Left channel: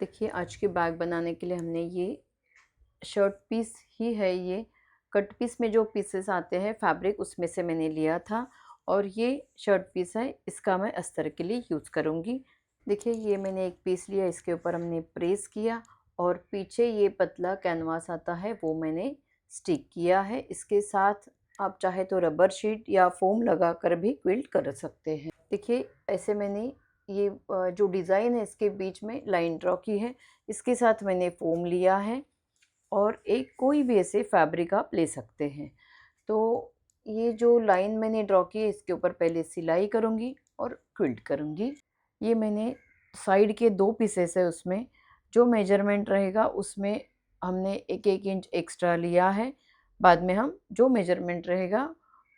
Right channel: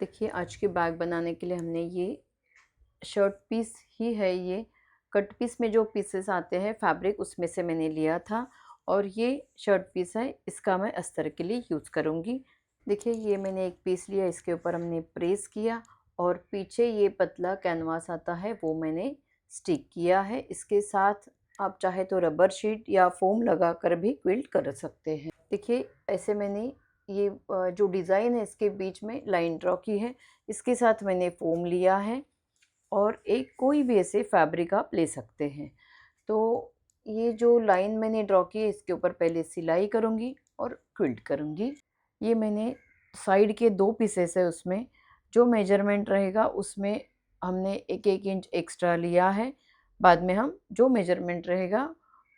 देखिए आज के बैग बनाने के लिए हमने ये शर्ट पीस ही है, ये कट पीस में जो पीसेस आते हैं फैब्रिक उसमें से मैंने लिया था और ये शर्ट पीस है, इसका मैं अस्तर के लिए यूज़ करूँगी। देखिए ये मैंने एक पीस लिया, इसके ऊपर हमने प्रेस किया और पीछे ये पतला कैनवास आता है वो मैंने स्टिक किया है। इसके साथ आप चाहे तो रबर शीट या फोम लगा कर भी क्विल्ट कर सकते हैं। देखिए ऐसे मैंने ये जो डिज़ाइन है इसके बीच में लाइन ड्रॉ की है, इसके साथ मैंने फोम लिया है और एक कोई भी ऐसे फैब्रिक आप ले सकते हैं। तो ये जो लाइन मैंने ड्रॉ की है इसके ऊपर पहले सिलाई करूँगी और क्विल्ट करूँगी। ये मैंने साइड के 2 पीसेस है, उसमें जो मेजरमेंट रहेगा उसमें हमने 1-1 इंच एक्स्ट्रा लिया है। बाद में हम जो मेजरमेंट रहेगा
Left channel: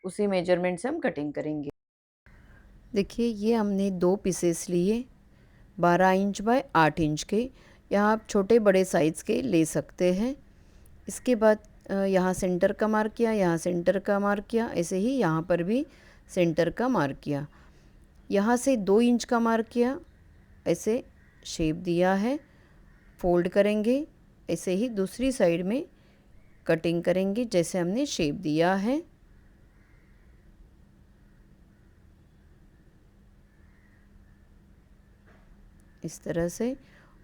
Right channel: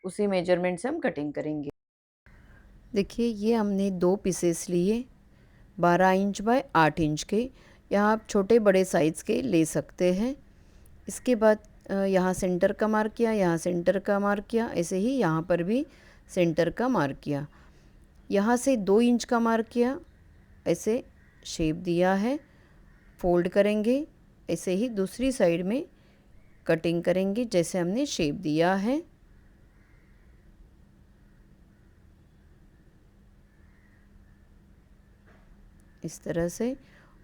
उसी मेजरमेंट से हम कटिंग करेंगे। देखिए ये हमने 2 पीसेस लिए 12 इंच बाय 8 इंच के। यहाँ आप छोटे बड़े साइज़ के ले सकते हैं। इसके बाद यहाँ सेंटर का मार्क किया, यहाँ सेंटर का मार्क किया, ऐसे ही यहाँ पर भी सेंटर का मार्क किया। यहाँ से 2 इंच का मार्क किया, ऐसे शेप दिया है। फोल्ड करेंगे, ऐसे ही दूसरी साइड में कटिंग करेंगे जैसे हमने शेप दिया है। इस तरह से,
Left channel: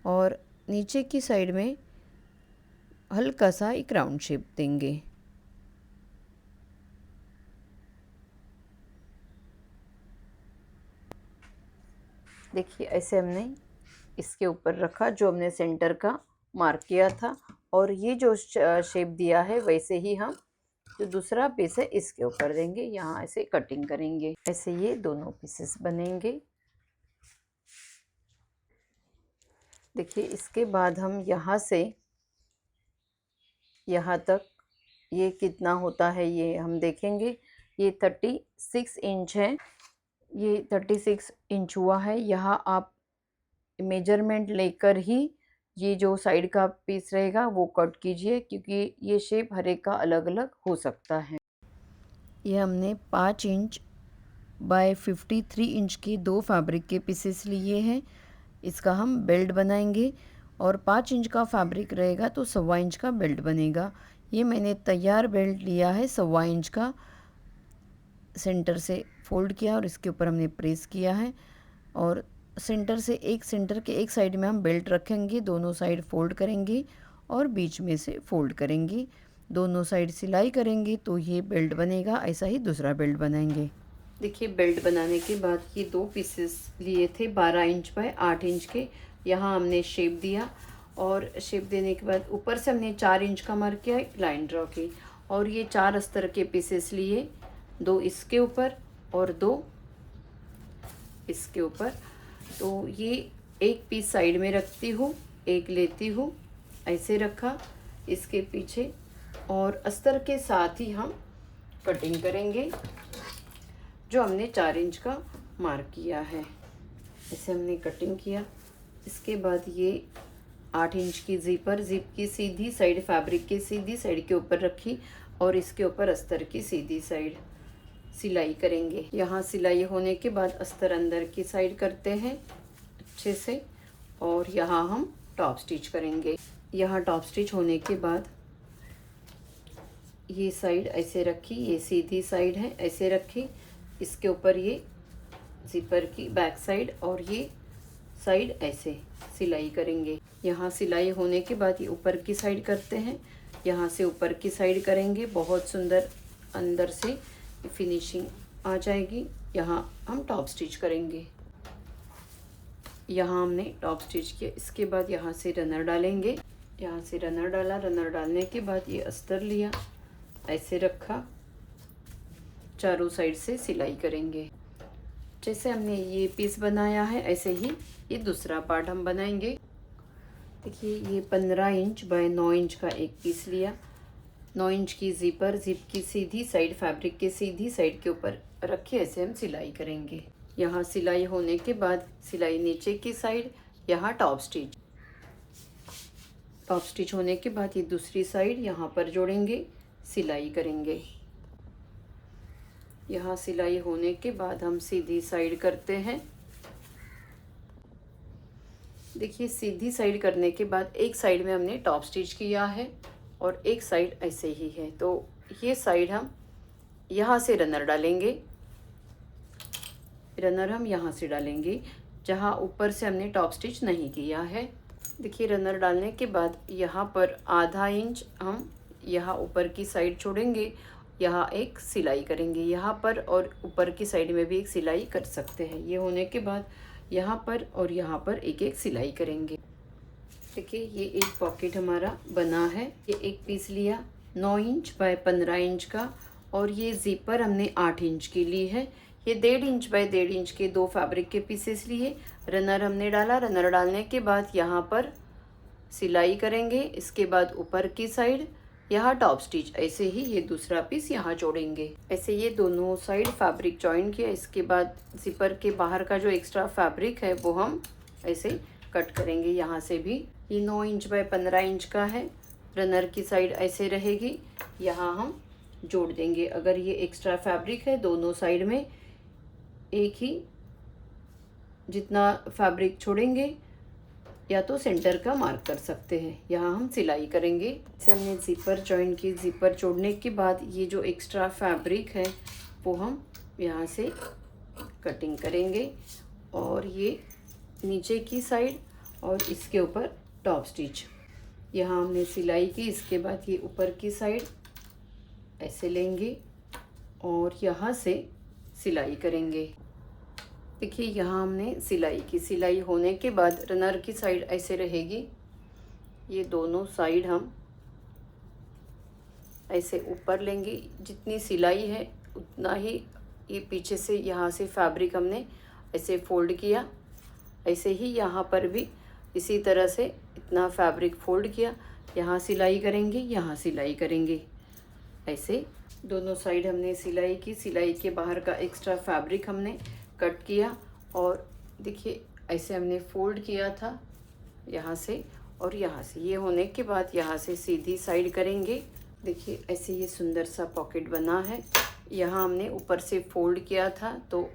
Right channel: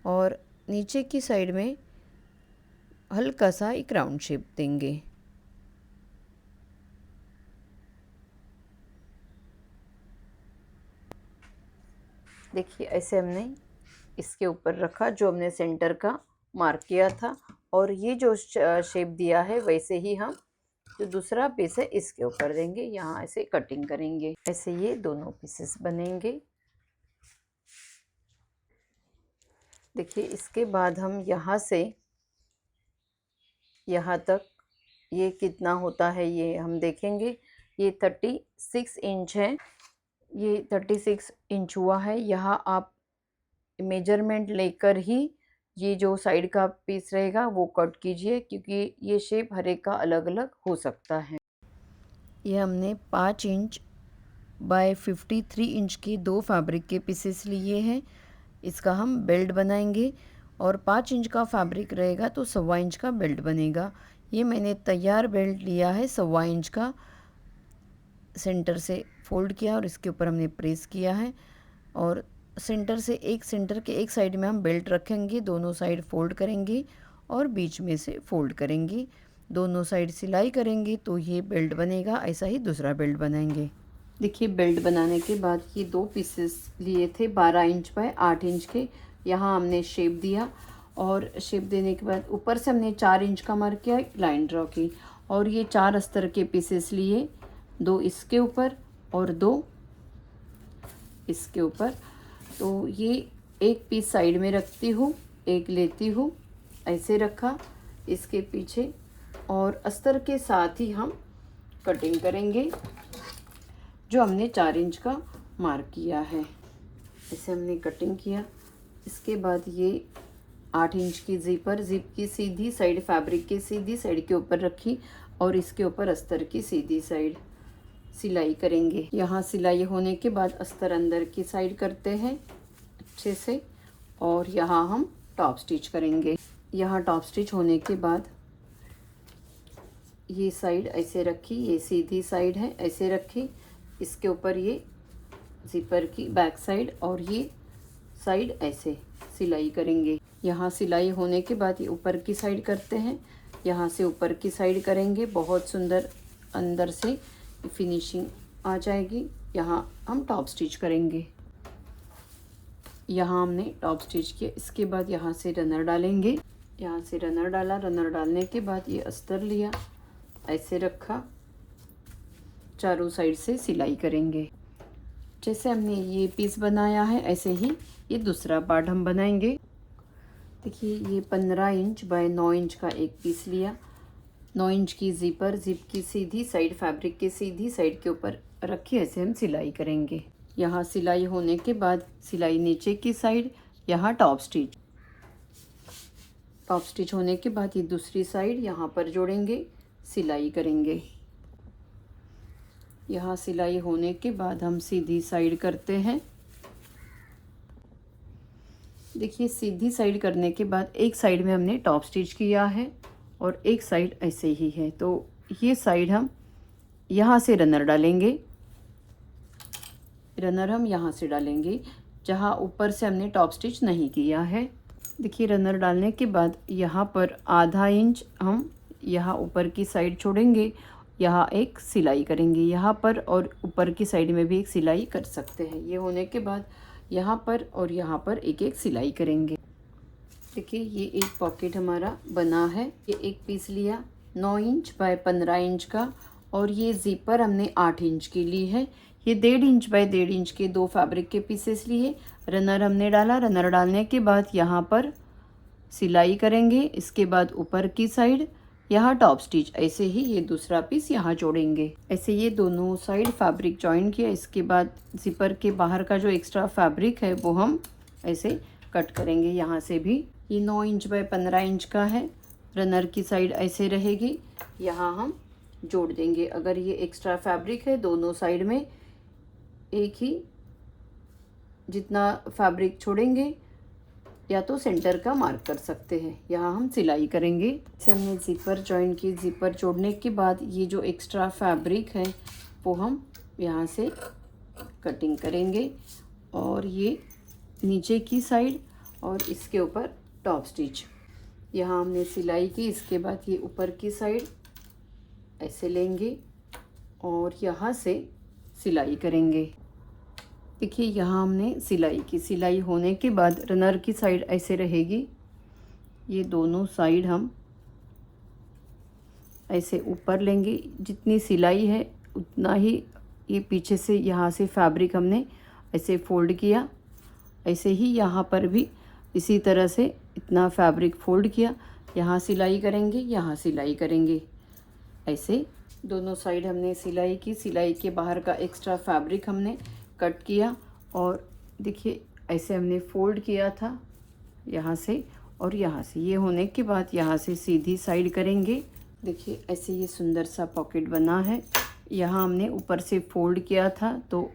और नीचे की साइड में हल्का सा एक राउंड शेप देंगे। देखिए ऐसे हमने इसके ऊपर रखा जो हमने सेंटर का मार्क किया था, और ये जो शेप दिया है वैसे ही हम जो दूसरा पीस है इसके ऊपर देंगे। यहाँ ऐसे कटिंग करेंगे, ऐसे ये दोनों पीसेस बनेंगे। देखिए इसके बाद हम यहाँ से यहाँ तक ये कितना होता है ये हम देखेंगे। ये 36 इंच है, ये 36 इंच हुआ है। यहाँ आप मेजरमेंट लेकर ही ये जो साइड का पीस रहेगा वो कट कीजिए, क्योंकि ये शेप हर एक का अलग अलग हो सकता है। ये हमने 5 इंच बाय 53 इंच के 2 फैब्रिक के पीसेस लिए हैं। इसका हम बेल्ट बनाएंगे, और 5 इंच का फैब्रिक रहेगा तो 1.25 इंच का बेल्ट बनेगा। ये मैंने तैयार बेल्ट लिया है 1.25 इंच का, सेंटर से फोल्ड किया और इसके ऊपर हमने प्रेस किया है, और सेंटर से सेंटर के एक साइड में हम बेल्ट रखेंगे, दोनों साइड फोल्ड करेंगे और बीच में से फोल्ड करेंगे, दोनों साइड सिलाई करेंगे तो ये बेल्ट बनेगा। ऐसा ही दूसरा बेल्ट बनाएंगे। देखिए बेल्ट बनाने के बाद ये 2 पीसेस लिए थे 12 इंच बाय 8 इंच के। यहाँ हमने शेप दिया, और शेप देने के बाद ऊपर से हमने 4 इंच का मार्क किया, एक लाइन ड्रॉ की, और ये 4 अस्तर के पीसेस लिए, 2 इसके ऊपर और 2 इसके ऊपर। तो ये एक पीस साइड में रखती हूँ, एक लेती हूँ, ऐसे रखा इसके पीछे, और अस्तर के साथ ही हम कटिंग करेंगे जो हमने 4 इंच का मार्क किया है। ऐसे हमने कटिंग किया। इसके बाद ये 8 इंच की जिप की सीधी साइड फैब्रिक की सीधी साइड के ऊपर रखी, और इसके ऊपर अस्तर की सीधी साइड सिलाई करेंगे। यहाँ सिलाई होने के बाद अस्तर अंदर की साइड करते हैं अच्छे से, और यहाँ हम टॉप स्टिच करेंगे। यहाँ टॉप स्टिच होने के बाद ये साइड ऐसे रखी, ये सीधी साइड है ऐसे रखी, इसके ऊपर ये जिपर की बैक साइड और ये साइड ऐसे सिलाई करेंगे। यहाँ सिलाई होने के बाद ये ऊपर की साइड करते हैं, यहाँ से ऊपर की साइड करेंगे। बहुत सुंदर अंदर से फिनिशिंग आ जाएगी। यहाँ हम टॉप स्टिच करेंगे। यहाँ हमने टॉप स्टिच किया। इसके बाद यहाँ से रनर डालेंगे, यहाँ से रनर डाला। रनर डालने के बाद ये अस्तर लिया, ऐसे रखा, चारों साइड से सिलाई करेंगे। जैसे हमने ये पीस बनाया है ऐसे ही ये दूसरा पार्ट हम बनाएंगे। देखिए ये 15 इंच बाय 9 इंच का एक पीस लिया, 9 इंच की जिप की सीधी साइड फैब्रिक के सीधी साइड के ऊपर रखी, ऐसे हम सिलाई करेंगे। यहाँ सिलाई होने के बाद सिलाई नीचे की साइड, यहाँ टॉप स्टिच होने के बाद ये दूसरी साइड यहाँ पर जोड़ेंगे, सिलाई करेंगे। यहाँ सिलाई होने के बाद हम सीधी साइड करते हैं। देखिए सीधी साइड करने के बाद एक साइड में हमने टॉप स्टिच किया है और एक साइड ऐसे ही है, तो ये साइड हम यहाँ से रनर डालेंगे। रनर हम यहाँ से डालेंगे जहाँ ऊपर से हमने टॉप स्टिच नहीं किया है। देखिए रनर डालने के बाद यहाँ पर आधा इंच हम यहाँ ऊपर की साइड छोड़ेंगे, यहाँ एक सिलाई करेंगे यहाँ पर, और ऊपर की साइड में भी एक सिलाई कर सकते हैं। ये होने के बाद यहाँ पर और यहाँ पर एक एक सिलाई करेंगे। देखिए ये एक पॉकेट हमारा बना है। ये एक पीस लिया 9 इंच बाय 15 इंच का, और ये ज़िपर हमने 8 इंच की ली है। ये 1.5 इंच बाय 1.5 इंच के 2 फैब्रिक के पीसेस लिए। रनर हमने डाला, रनर डालने के बाद यहाँ पर सिलाई करेंगे। इसके बाद ऊपर की साइड यहाँ टॉप स्टिच, ऐसे ही ये दूसरा पीस यहाँ जोड़ेंगे। ऐसे ये दोनों साइड फैब्रिक जॉइन किया। इसके बाद ज़िपर के बाहर का जो एक्स्ट्रा फैब्रिक है वो हम ऐसे कट करेंगे। यहाँ से भी ये 9 इंच बाय 15 इंच का है। रनर की साइड ऐसे रहेगी, यहाँ हम जोड़ देंगे। अगर ये एक्स्ट्रा फैब्रिक है दोनों साइड में एक ही जितना फैब्रिक छोड़ेंगे, या तो सेंटर का मार्क कर सकते हैं। यहाँ हम सिलाई करेंगे। इसे हमने ज़िपर जॉइन की। ज़िपर जोड़ने के बाद ये जो एक्स्ट्रा फैब्रिक है वो हम यहाँ से कटिंग करेंगे, और ये नीचे की साइड और इसके ऊपर टॉप स्टिच। यहाँ हमने सिलाई की। इसके बाद ये ऊपर की साइड ऐसे लेंगे और यहाँ से सिलाई करेंगे। देखिए यहाँ हमने सिलाई की। सिलाई होने के बाद रनर की साइड ऐसे रहेगी। ये दोनों साइड हम ऐसे ऊपर लेंगे। जितनी सिलाई है उतना ही ये पीछे से यहाँ से फैब्रिक हमने ऐसे फोल्ड किया। ऐसे ही यहाँ पर भी इसी तरह से इतना फैब्रिक फोल्ड किया। यहाँ सिलाई करेंगे, यहाँ सिलाई करेंगे। ऐसे दोनों साइड हमने सिलाई की। सिलाई के बाहर का एक्स्ट्रा फैब्रिक हमने कट किया, और देखिए ऐसे हमने फोल्ड किया था यहाँ से और यहाँ से। ये होने के बाद यहाँ से सीधी साइड करेंगे। देखिए ऐसे ये सुंदर सा पॉकेट बना है। यहाँ हमने ऊपर से फोल्ड किया था तो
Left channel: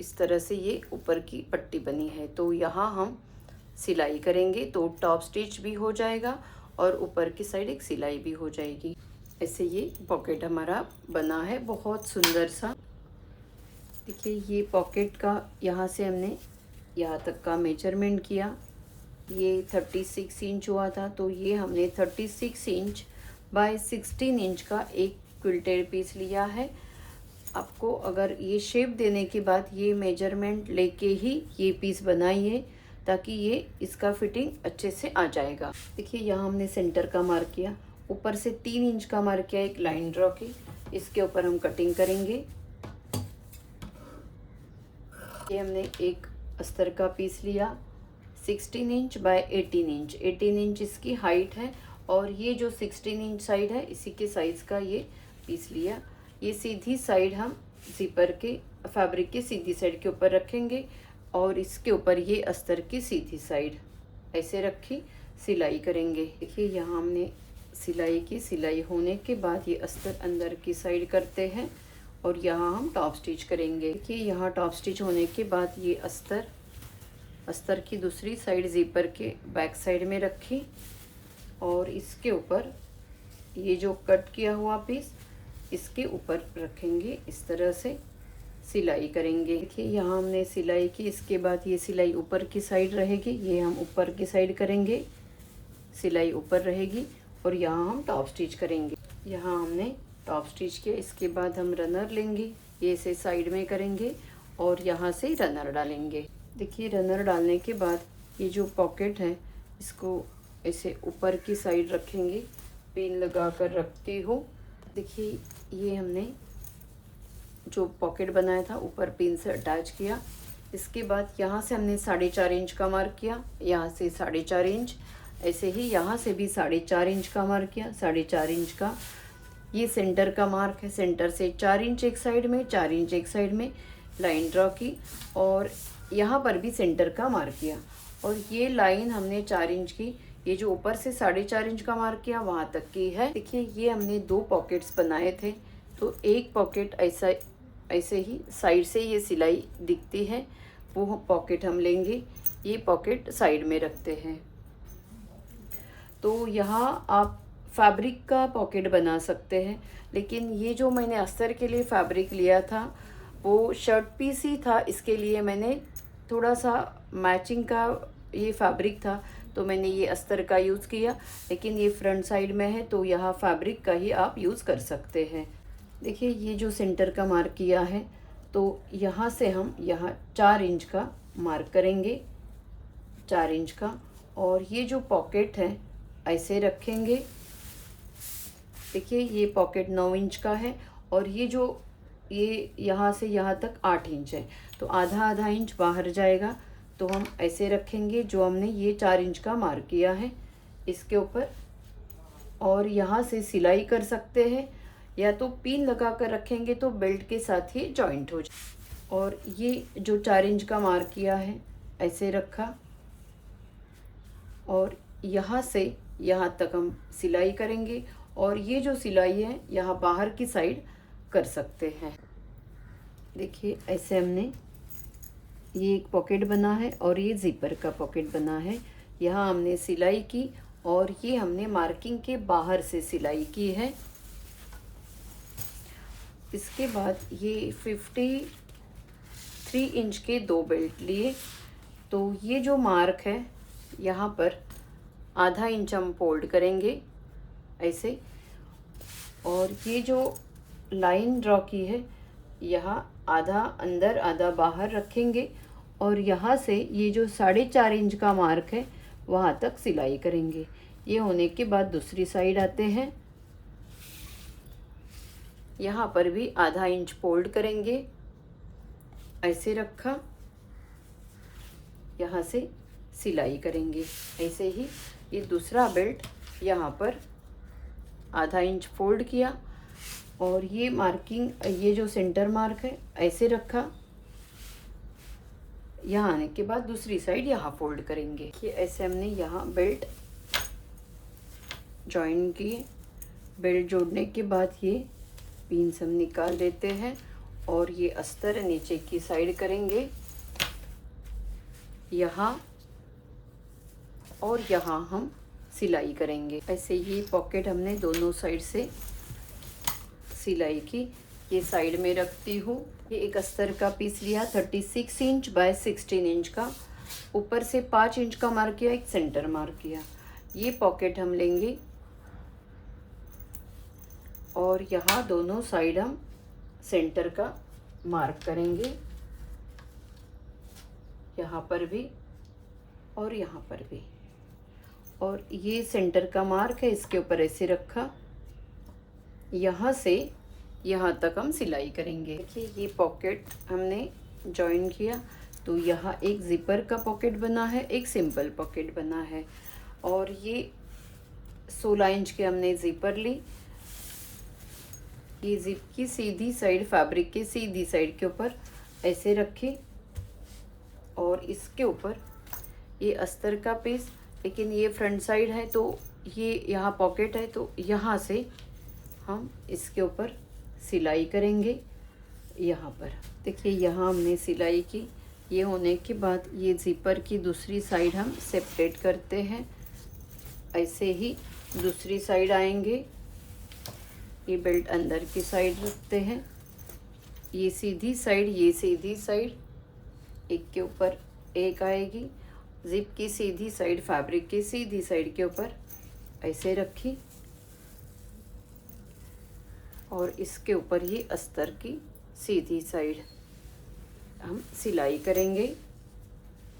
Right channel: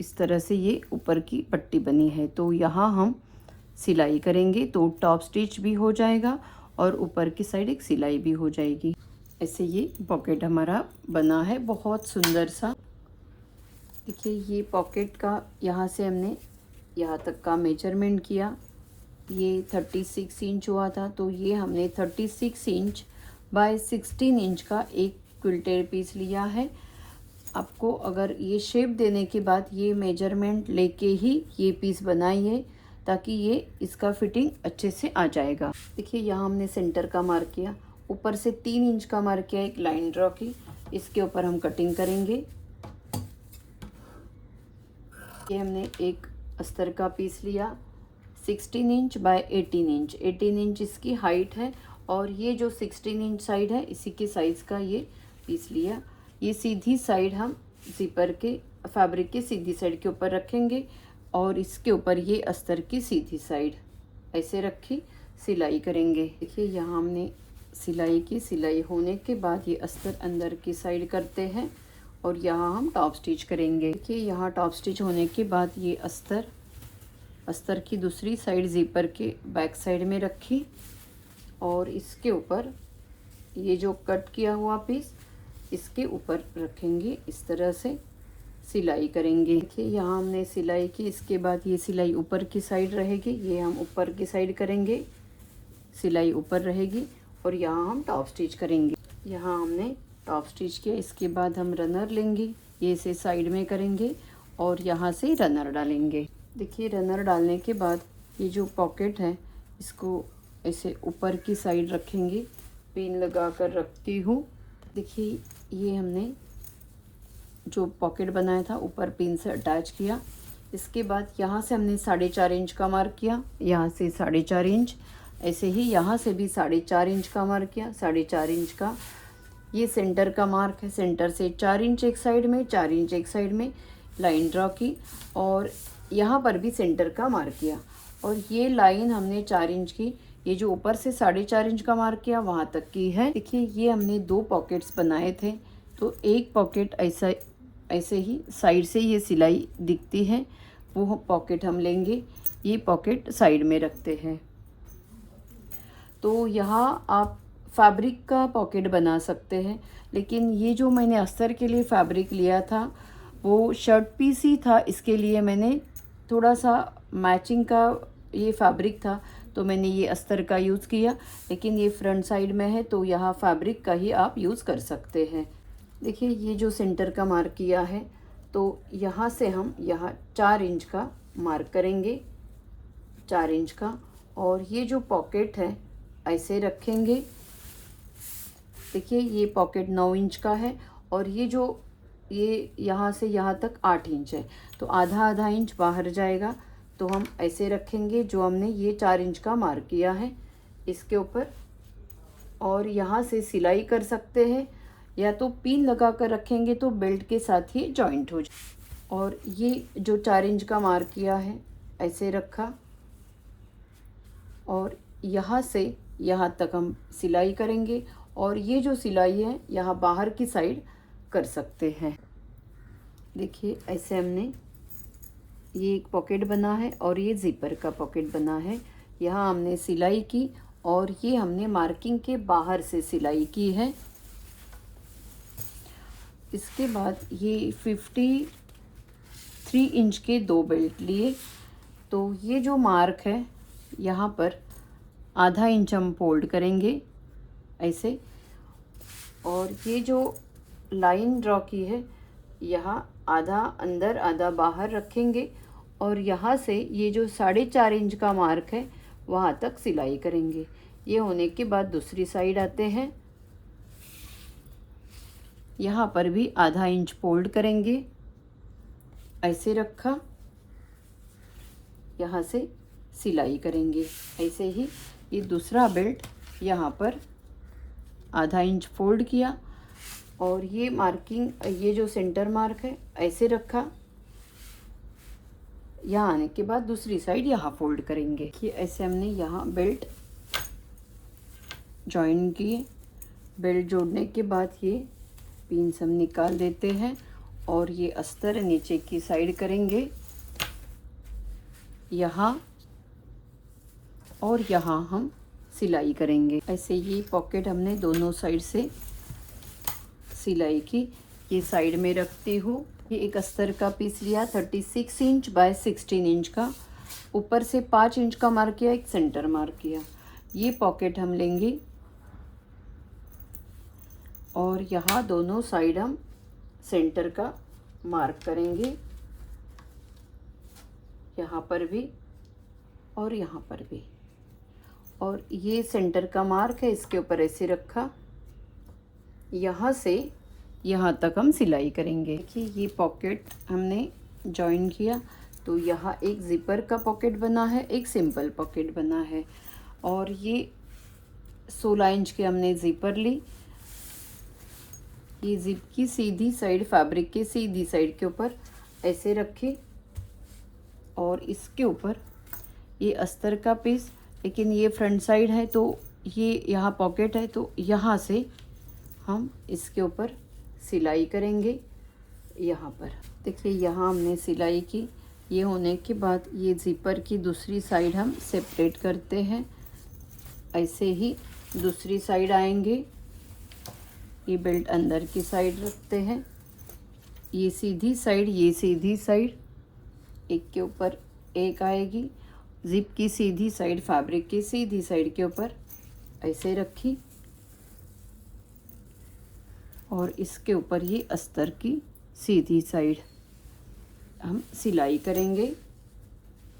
इस तरह से ये ऊपर की पट्टी बनी है। तो यहाँ हम सिलाई करेंगे तो टॉप स्टिच भी हो जाएगा और ऊपर की साइड एक सिलाई भी हो जाएगी। ऐसे ये पॉकेट हमारा बना है, बहुत सुंदर सा। देखिए ये पॉकेट का यहाँ से हमने यहाँ तक का मेजरमेंट किया। ये 36 इंच हुआ था, तो ये हमने 36 इंच बाय 16 इंच का एक क्विल्टेड पीस लिया है। आपको अगर ये शेप देने के बाद ये मेजरमेंट लेके ही ये पीस बनाइए, ताकि ये इसका फिटिंग अच्छे से आ जाएगा। देखिए यहाँ हमने सेंटर का मार्क किया, ऊपर से 3 इंच का मार्क किया, एक लाइन ड्रॉ की। इसके ऊपर हम कटिंग करेंगे। ये हमने एक अस्तर का पीस लिया 16 इंच बाय 18 इंच। 18 इंच इसकी हाइट है, और ये जो 16 इंच साइड है इसी के साइज़ का ये पीस लिया। ये सीधी साइड हम ज़िपर के फैब्रिक के सीधी साइड के ऊपर रखेंगे, और इसके ऊपर ये अस्तर की सीधी साइड ऐसे रखी, सिलाई करेंगे। देखिए यहाँ हमने सिलाई की। सिलाई होने के बाद ये अस्तर अंदर की साइड करते हैं, और यहाँ हम टॉप स्टिच करेंगे। देखिए यहाँ टॉप स्टिच होने के बाद ये अस्तर की दूसरी साइड ज़िपर के बैक साइड में रखी, और इसके ऊपर ये जो कट किया हुआ पीस इसके ऊपर रखेंगे। इस तरह से सिलाई करेंगे। देखिए यहाँ हमने सिलाई की। इसके बाद ये सिलाई ऊपर की साइड रहेगी, ये हम ऊपर की साइड करेंगे, सिलाई ऊपर रहेगी, और यहाँ हम टॉप स्टिच करेंगे। यहाँ हमने टॉप स्टिच किया। इसके बाद हम रनर लेंगे, ये इसे साइड में करेंगे और यहाँ से रनर डालेंगे। देखिए रनर डालने के बाद ये जो पॉकेट है इसको ऐसे ऊपर की साइड रखेंगे। पिन लगा कर रखती हूँ। देखिए ये हमने जो पॉकेट बनाया था ऊपर पिन से अटैच किया। इसके बाद यहाँ से हमने 4.5 इंच का मार्क किया, यहाँ से 4.5 इंच, ऐसे ही यहाँ से भी 4.5 इंच का मार्क किया। 4.5 इंच का ये सेंटर का मार्क है। सेंटर से 4 इंच एक साइड में, 4 इंच एक साइड में लाइन ड्रॉ की, और यहाँ पर भी सेंटर का मार्क किया। और ये लाइन हमने 4 इंच की, ये जो ऊपर से 4.5 इंच का मार्क किया वहाँ तक की है। देखिए ये हमने 2 पॉकेट्स बनाए थे, तो एक पॉकेट ऐसे ही साइड से ये सिलाई दिखती है, वो पॉकेट हम लेंगे। ये पॉकेट साइड में रखते हैं। तो यहाँ आप फैब्रिक का पॉकेट बना सकते हैं, लेकिन ये जो मैंने अस्तर के लिए फैब्रिक लिया था वो शर्ट पीस ही था, इसके लिए मैंने थोड़ा सा मैचिंग का ये फैब्रिक था तो मैंने ये अस्तर का यूज़ किया, लेकिन ये फ्रंट साइड में है तो यहाँ फैब्रिक का ही आप यूज़ कर सकते हैं। देखिए ये जो सेंटर का मार्क किया है तो यहाँ से हम यहाँ 4 इंच का मार्क करेंगे, 4 इंच का, और ये जो पॉकेट है ऐसे रखेंगे। देखिए ये पॉकेट 9 इंच का है और ये जो ये यहाँ से यहाँ तक 8 इंच है, तो आधा आधा इंच बाहर जाएगा, तो हम ऐसे रखेंगे जो हमने ये 4 इंच का मार्क किया है इसके ऊपर। और यहाँ से सिलाई कर सकते हैं या तो पिन लगा कर रखेंगे तो बेल्ट के साथ ही जॉइंट हो जाए। और ये जो 4 इंच का मार्क किया है ऐसे रखा और यहाँ से यहाँ तक हम सिलाई करेंगे, और ये जो सिलाई है यहाँ बाहर की साइड कर सकते हैं। देखिए ऐसे हमने ये एक पॉकेट बना है और ये ज़िपर का पॉकेट बना है। यहाँ हमने सिलाई की और ये हमने मार्किंग के बाहर से सिलाई की है। इसके बाद ये 53 इंच के 2 बेल्ट लिए, तो ये जो मार्क है यहाँ पर आधा इंच हम फोल्ड करेंगे ऐसे, और ये जो लाइन ड्रॉ की है यहाँ आधा अंदर आधा बाहर रखेंगे, और यहाँ से ये जो 4.5 इंच का मार्क है वहाँ तक सिलाई करेंगे। ये होने के बाद दूसरी साइड आते हैं, यहाँ पर भी आधा इंच फोल्ड करेंगे ऐसे रखा, यहाँ से सिलाई करेंगे ऐसे ही। ये दूसरा बेल्ट यहाँ पर आधा इंच फोल्ड किया और ये मार्किंग, ये जो सेंटर मार्क है ऐसे रखा, यहाँ आने के बाद दूसरी साइड यहाँ फोल्ड करेंगे। ये ऐसे हमने यहाँ बेल्ट जॉइन किए। बेल्ट जोड़ने के बाद ये पिन्स हम निकाल देते हैं और ये अस्तर नीचे की साइड करेंगे यहाँ, और यहाँ हम सिलाई करेंगे ऐसे। ये पॉकेट हमने दोनों साइड से सिलाई की। ये साइड में रखती हूँ। ये एक अस्तर का पीस लिया 36 इंच बाय 16 इंच का, ऊपर से 5 इंच का मार्क किया, एक सेंटर मार्क किया। ये पॉकेट हम लेंगे और यहाँ दोनों साइड हम सेंटर का मार्क करेंगे, यहाँ पर भी और यहाँ पर भी। और ये सेंटर का मार्क है, इसके ऊपर ऐसे रखा, यहाँ से यहाँ तक हम सिलाई करेंगे। देखिए ये पॉकेट हमने जॉइन किया तो यहाँ एक ज़िपर का पॉकेट बना है, एक सिंपल पॉकेट बना है, और ये 16 इंच के हमने ज़िपर ली। ये ज़िप की सीधी साइड फैब्रिक के सीधी साइड के ऊपर ऐसे रखे, और इसके ऊपर ये अस्तर का पीस, लेकिन ये फ्रंट साइड है तो ये यहाँ पॉकेट है तो यहाँ से हम इसके ऊपर सिलाई करेंगे यहाँ पर। देखिए यहाँ हमने सिलाई की। ये होने के बाद ये ज़िपर की दूसरी साइड हम सेपरेट करते हैं, ऐसे ही दूसरी साइड आएंगे। ये बेल्ट अंदर की साइड रखते हैं, ये सीधी साइड, ये सीधी साइड, एक के ऊपर एक आएगी। ज़िप की सीधी साइड फैब्रिक की सीधी साइड के ऊपर ऐसे रखी, और इसके ऊपर ये अस्तर की सीधी साइड हम सिलाई करेंगे।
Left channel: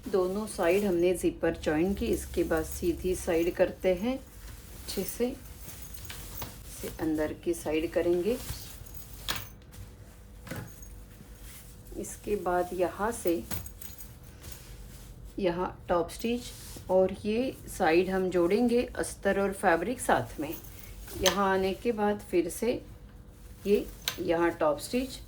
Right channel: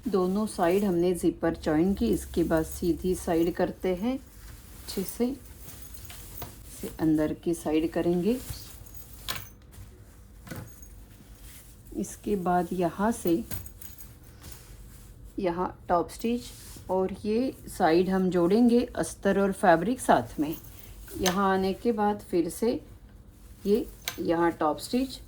दोनों साइड हमने ज़िपर जॉइन की। इसके बाद सीधी साइड करते हैं अच्छे से, इसे अंदर की साइड करेंगे। इसके बाद यहाँ से यहाँ टॉप स्टिच, और ये साइड हम जोड़ेंगे अस्तर और फैब्रिक साथ में। यहाँ आने के बाद फिर से ये यहाँ टॉप स्टिच,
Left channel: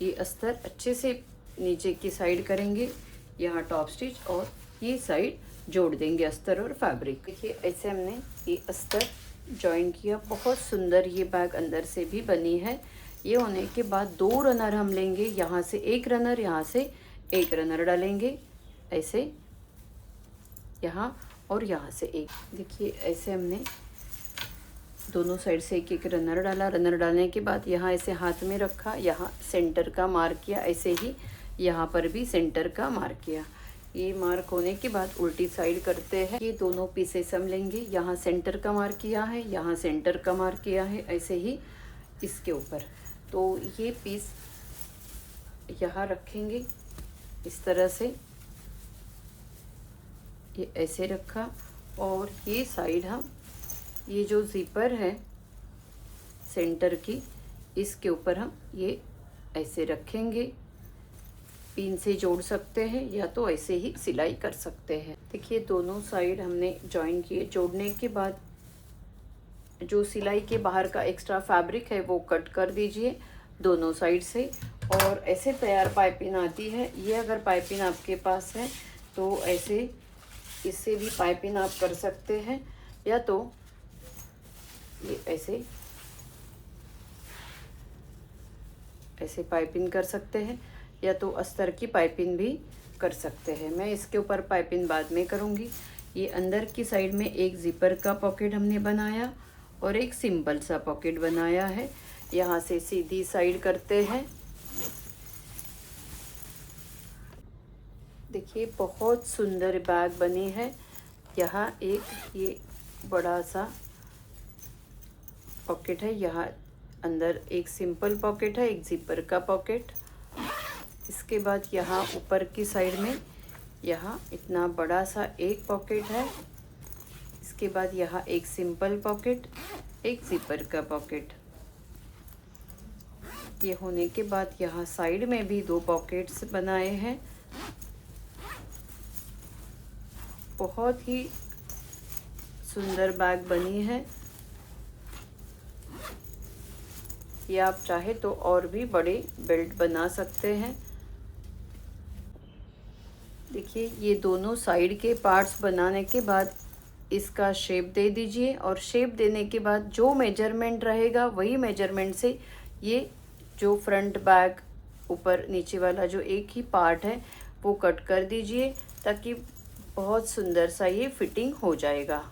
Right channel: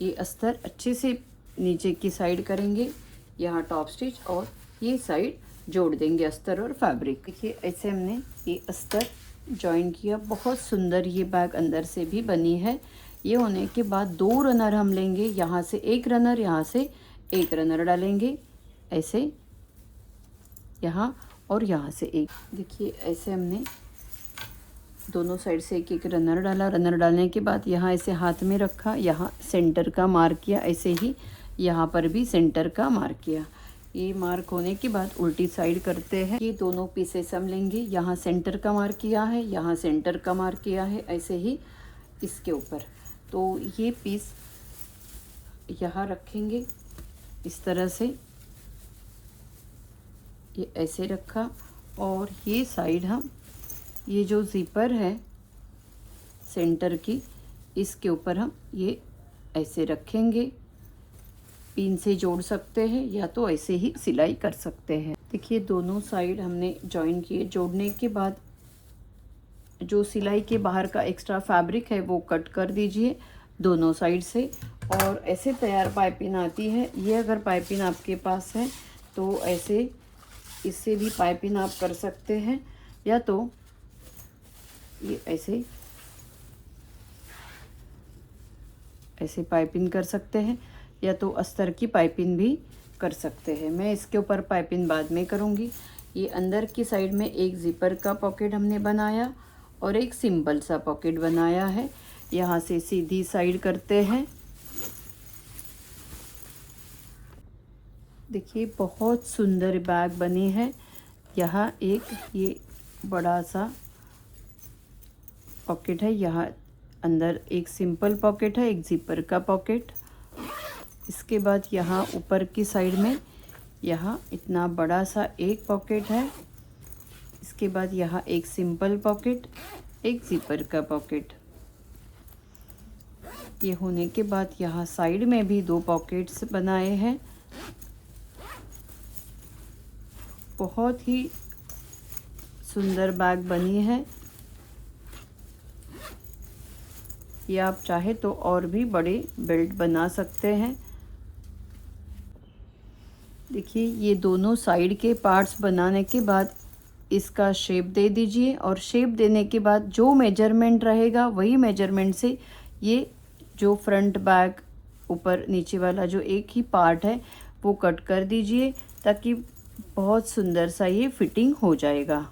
ये अस्तर अच्छे से नीचे की साइड करेंगे, यहाँ टॉप स्टिच, और ये साइड जोड़ देंगे अस्तर और फैब्रिक। देखिए ऐसे हमने ये अस्तर जॉइन किया। बहुत सुंदर ये बैग अंदर से भी बनी है। ये होने के बाद 2 रनर हम लेंगे, यहाँ से एक रनर, यहाँ से एक रनर डालेंगे ऐसे, यहाँ और यहाँ से एक। देखिए ऐसे हमने दोनों साइड से एक एक रनर डाला। रनर डालने के बाद यहाँ ऐसे हाथ में रखा, यहाँ सेंटर का मार्क किया, ऐसे ही यहाँ पर भी सेंटर का मार्क किया। ये मार्क होने के बाद उल्टी साइड करते हैं। ये दोनों पीसेस हम लेंगे, यहाँ सेंटर का मार्क किया है, यहाँ सेंटर का मार्क किया है, ऐसे ही इसके ऊपर। तो ये पीस यहाँ रखेंगे इस तरह से, ये ऐसे रखा। और ये साइड हम, ये जो ज़िपर है सेंटर की, इसके ऊपर हम ये ऐसे रखेंगे। पिन से जोड़ सकते हैं या तो ऐसे ही सिलाई कर सकते हैं। देखिए दोनों साइड हमने जॉइन किए। जोड़ने के बाद जो सिलाई के बाहर का एक्स्ट्रा फैब्रिक है वो कट कर दीजिए दोनों साइड से। और ऐसे तैयार पाइपिंग आती है। ये अगर पाइपिंग आपके पास है तो ऐसे इससे भी पाइपिंग आप कर सकते हैं, या तो ये ऐसे ऐसे पाइपिंग कर सकते हैं, या तो अस्तर की पाइपिंग भी कर सकते हैं। मैं इसके ऊपर पाइपिंग बाद में करूँगी। ये अंदर की साइड में एक ज़िपर का पॉकेट हमने बनाया और एक सिंपल सा पॉकेट बनाया है। यहाँ से सीधी साइड करते हैं। देखिए बहुत सुंदर बैग बनी है। यहाँ एक ये बड़ा सा पॉकेट है, यहाँ अंदर एक सिंपल पॉकेट है, एक ज़िपर का पॉकेट। इसके बाद यहाँ ऊपर की साइड में यहाँ इतना बड़ा सा एक पॉकेट है। इसके बाद यहाँ एक सिंपल पॉकेट, एक ज़िपर का पॉकेट। ये होने के बाद यहाँ साइड में भी दो पॉकेट्स बनाए हैं। बहुत ही सुंदर बैग बनी है। ये आप चाहे तो और भी बड़े बेल्ट बना सकते हैं। देखिए ये दोनों साइड के पार्ट्स बनाने के बाद इसका शेप दे दीजिए, और शेप देने के बाद जो मेजरमेंट रहेगा वही मेजरमेंट से ये जो फ्रंट बैक ऊपर नीचे वाला जो एक ही पार्ट है वो कट कर दीजिए, ताकि बहुत सुंदर सा ये फिटिंग हो जाएगा।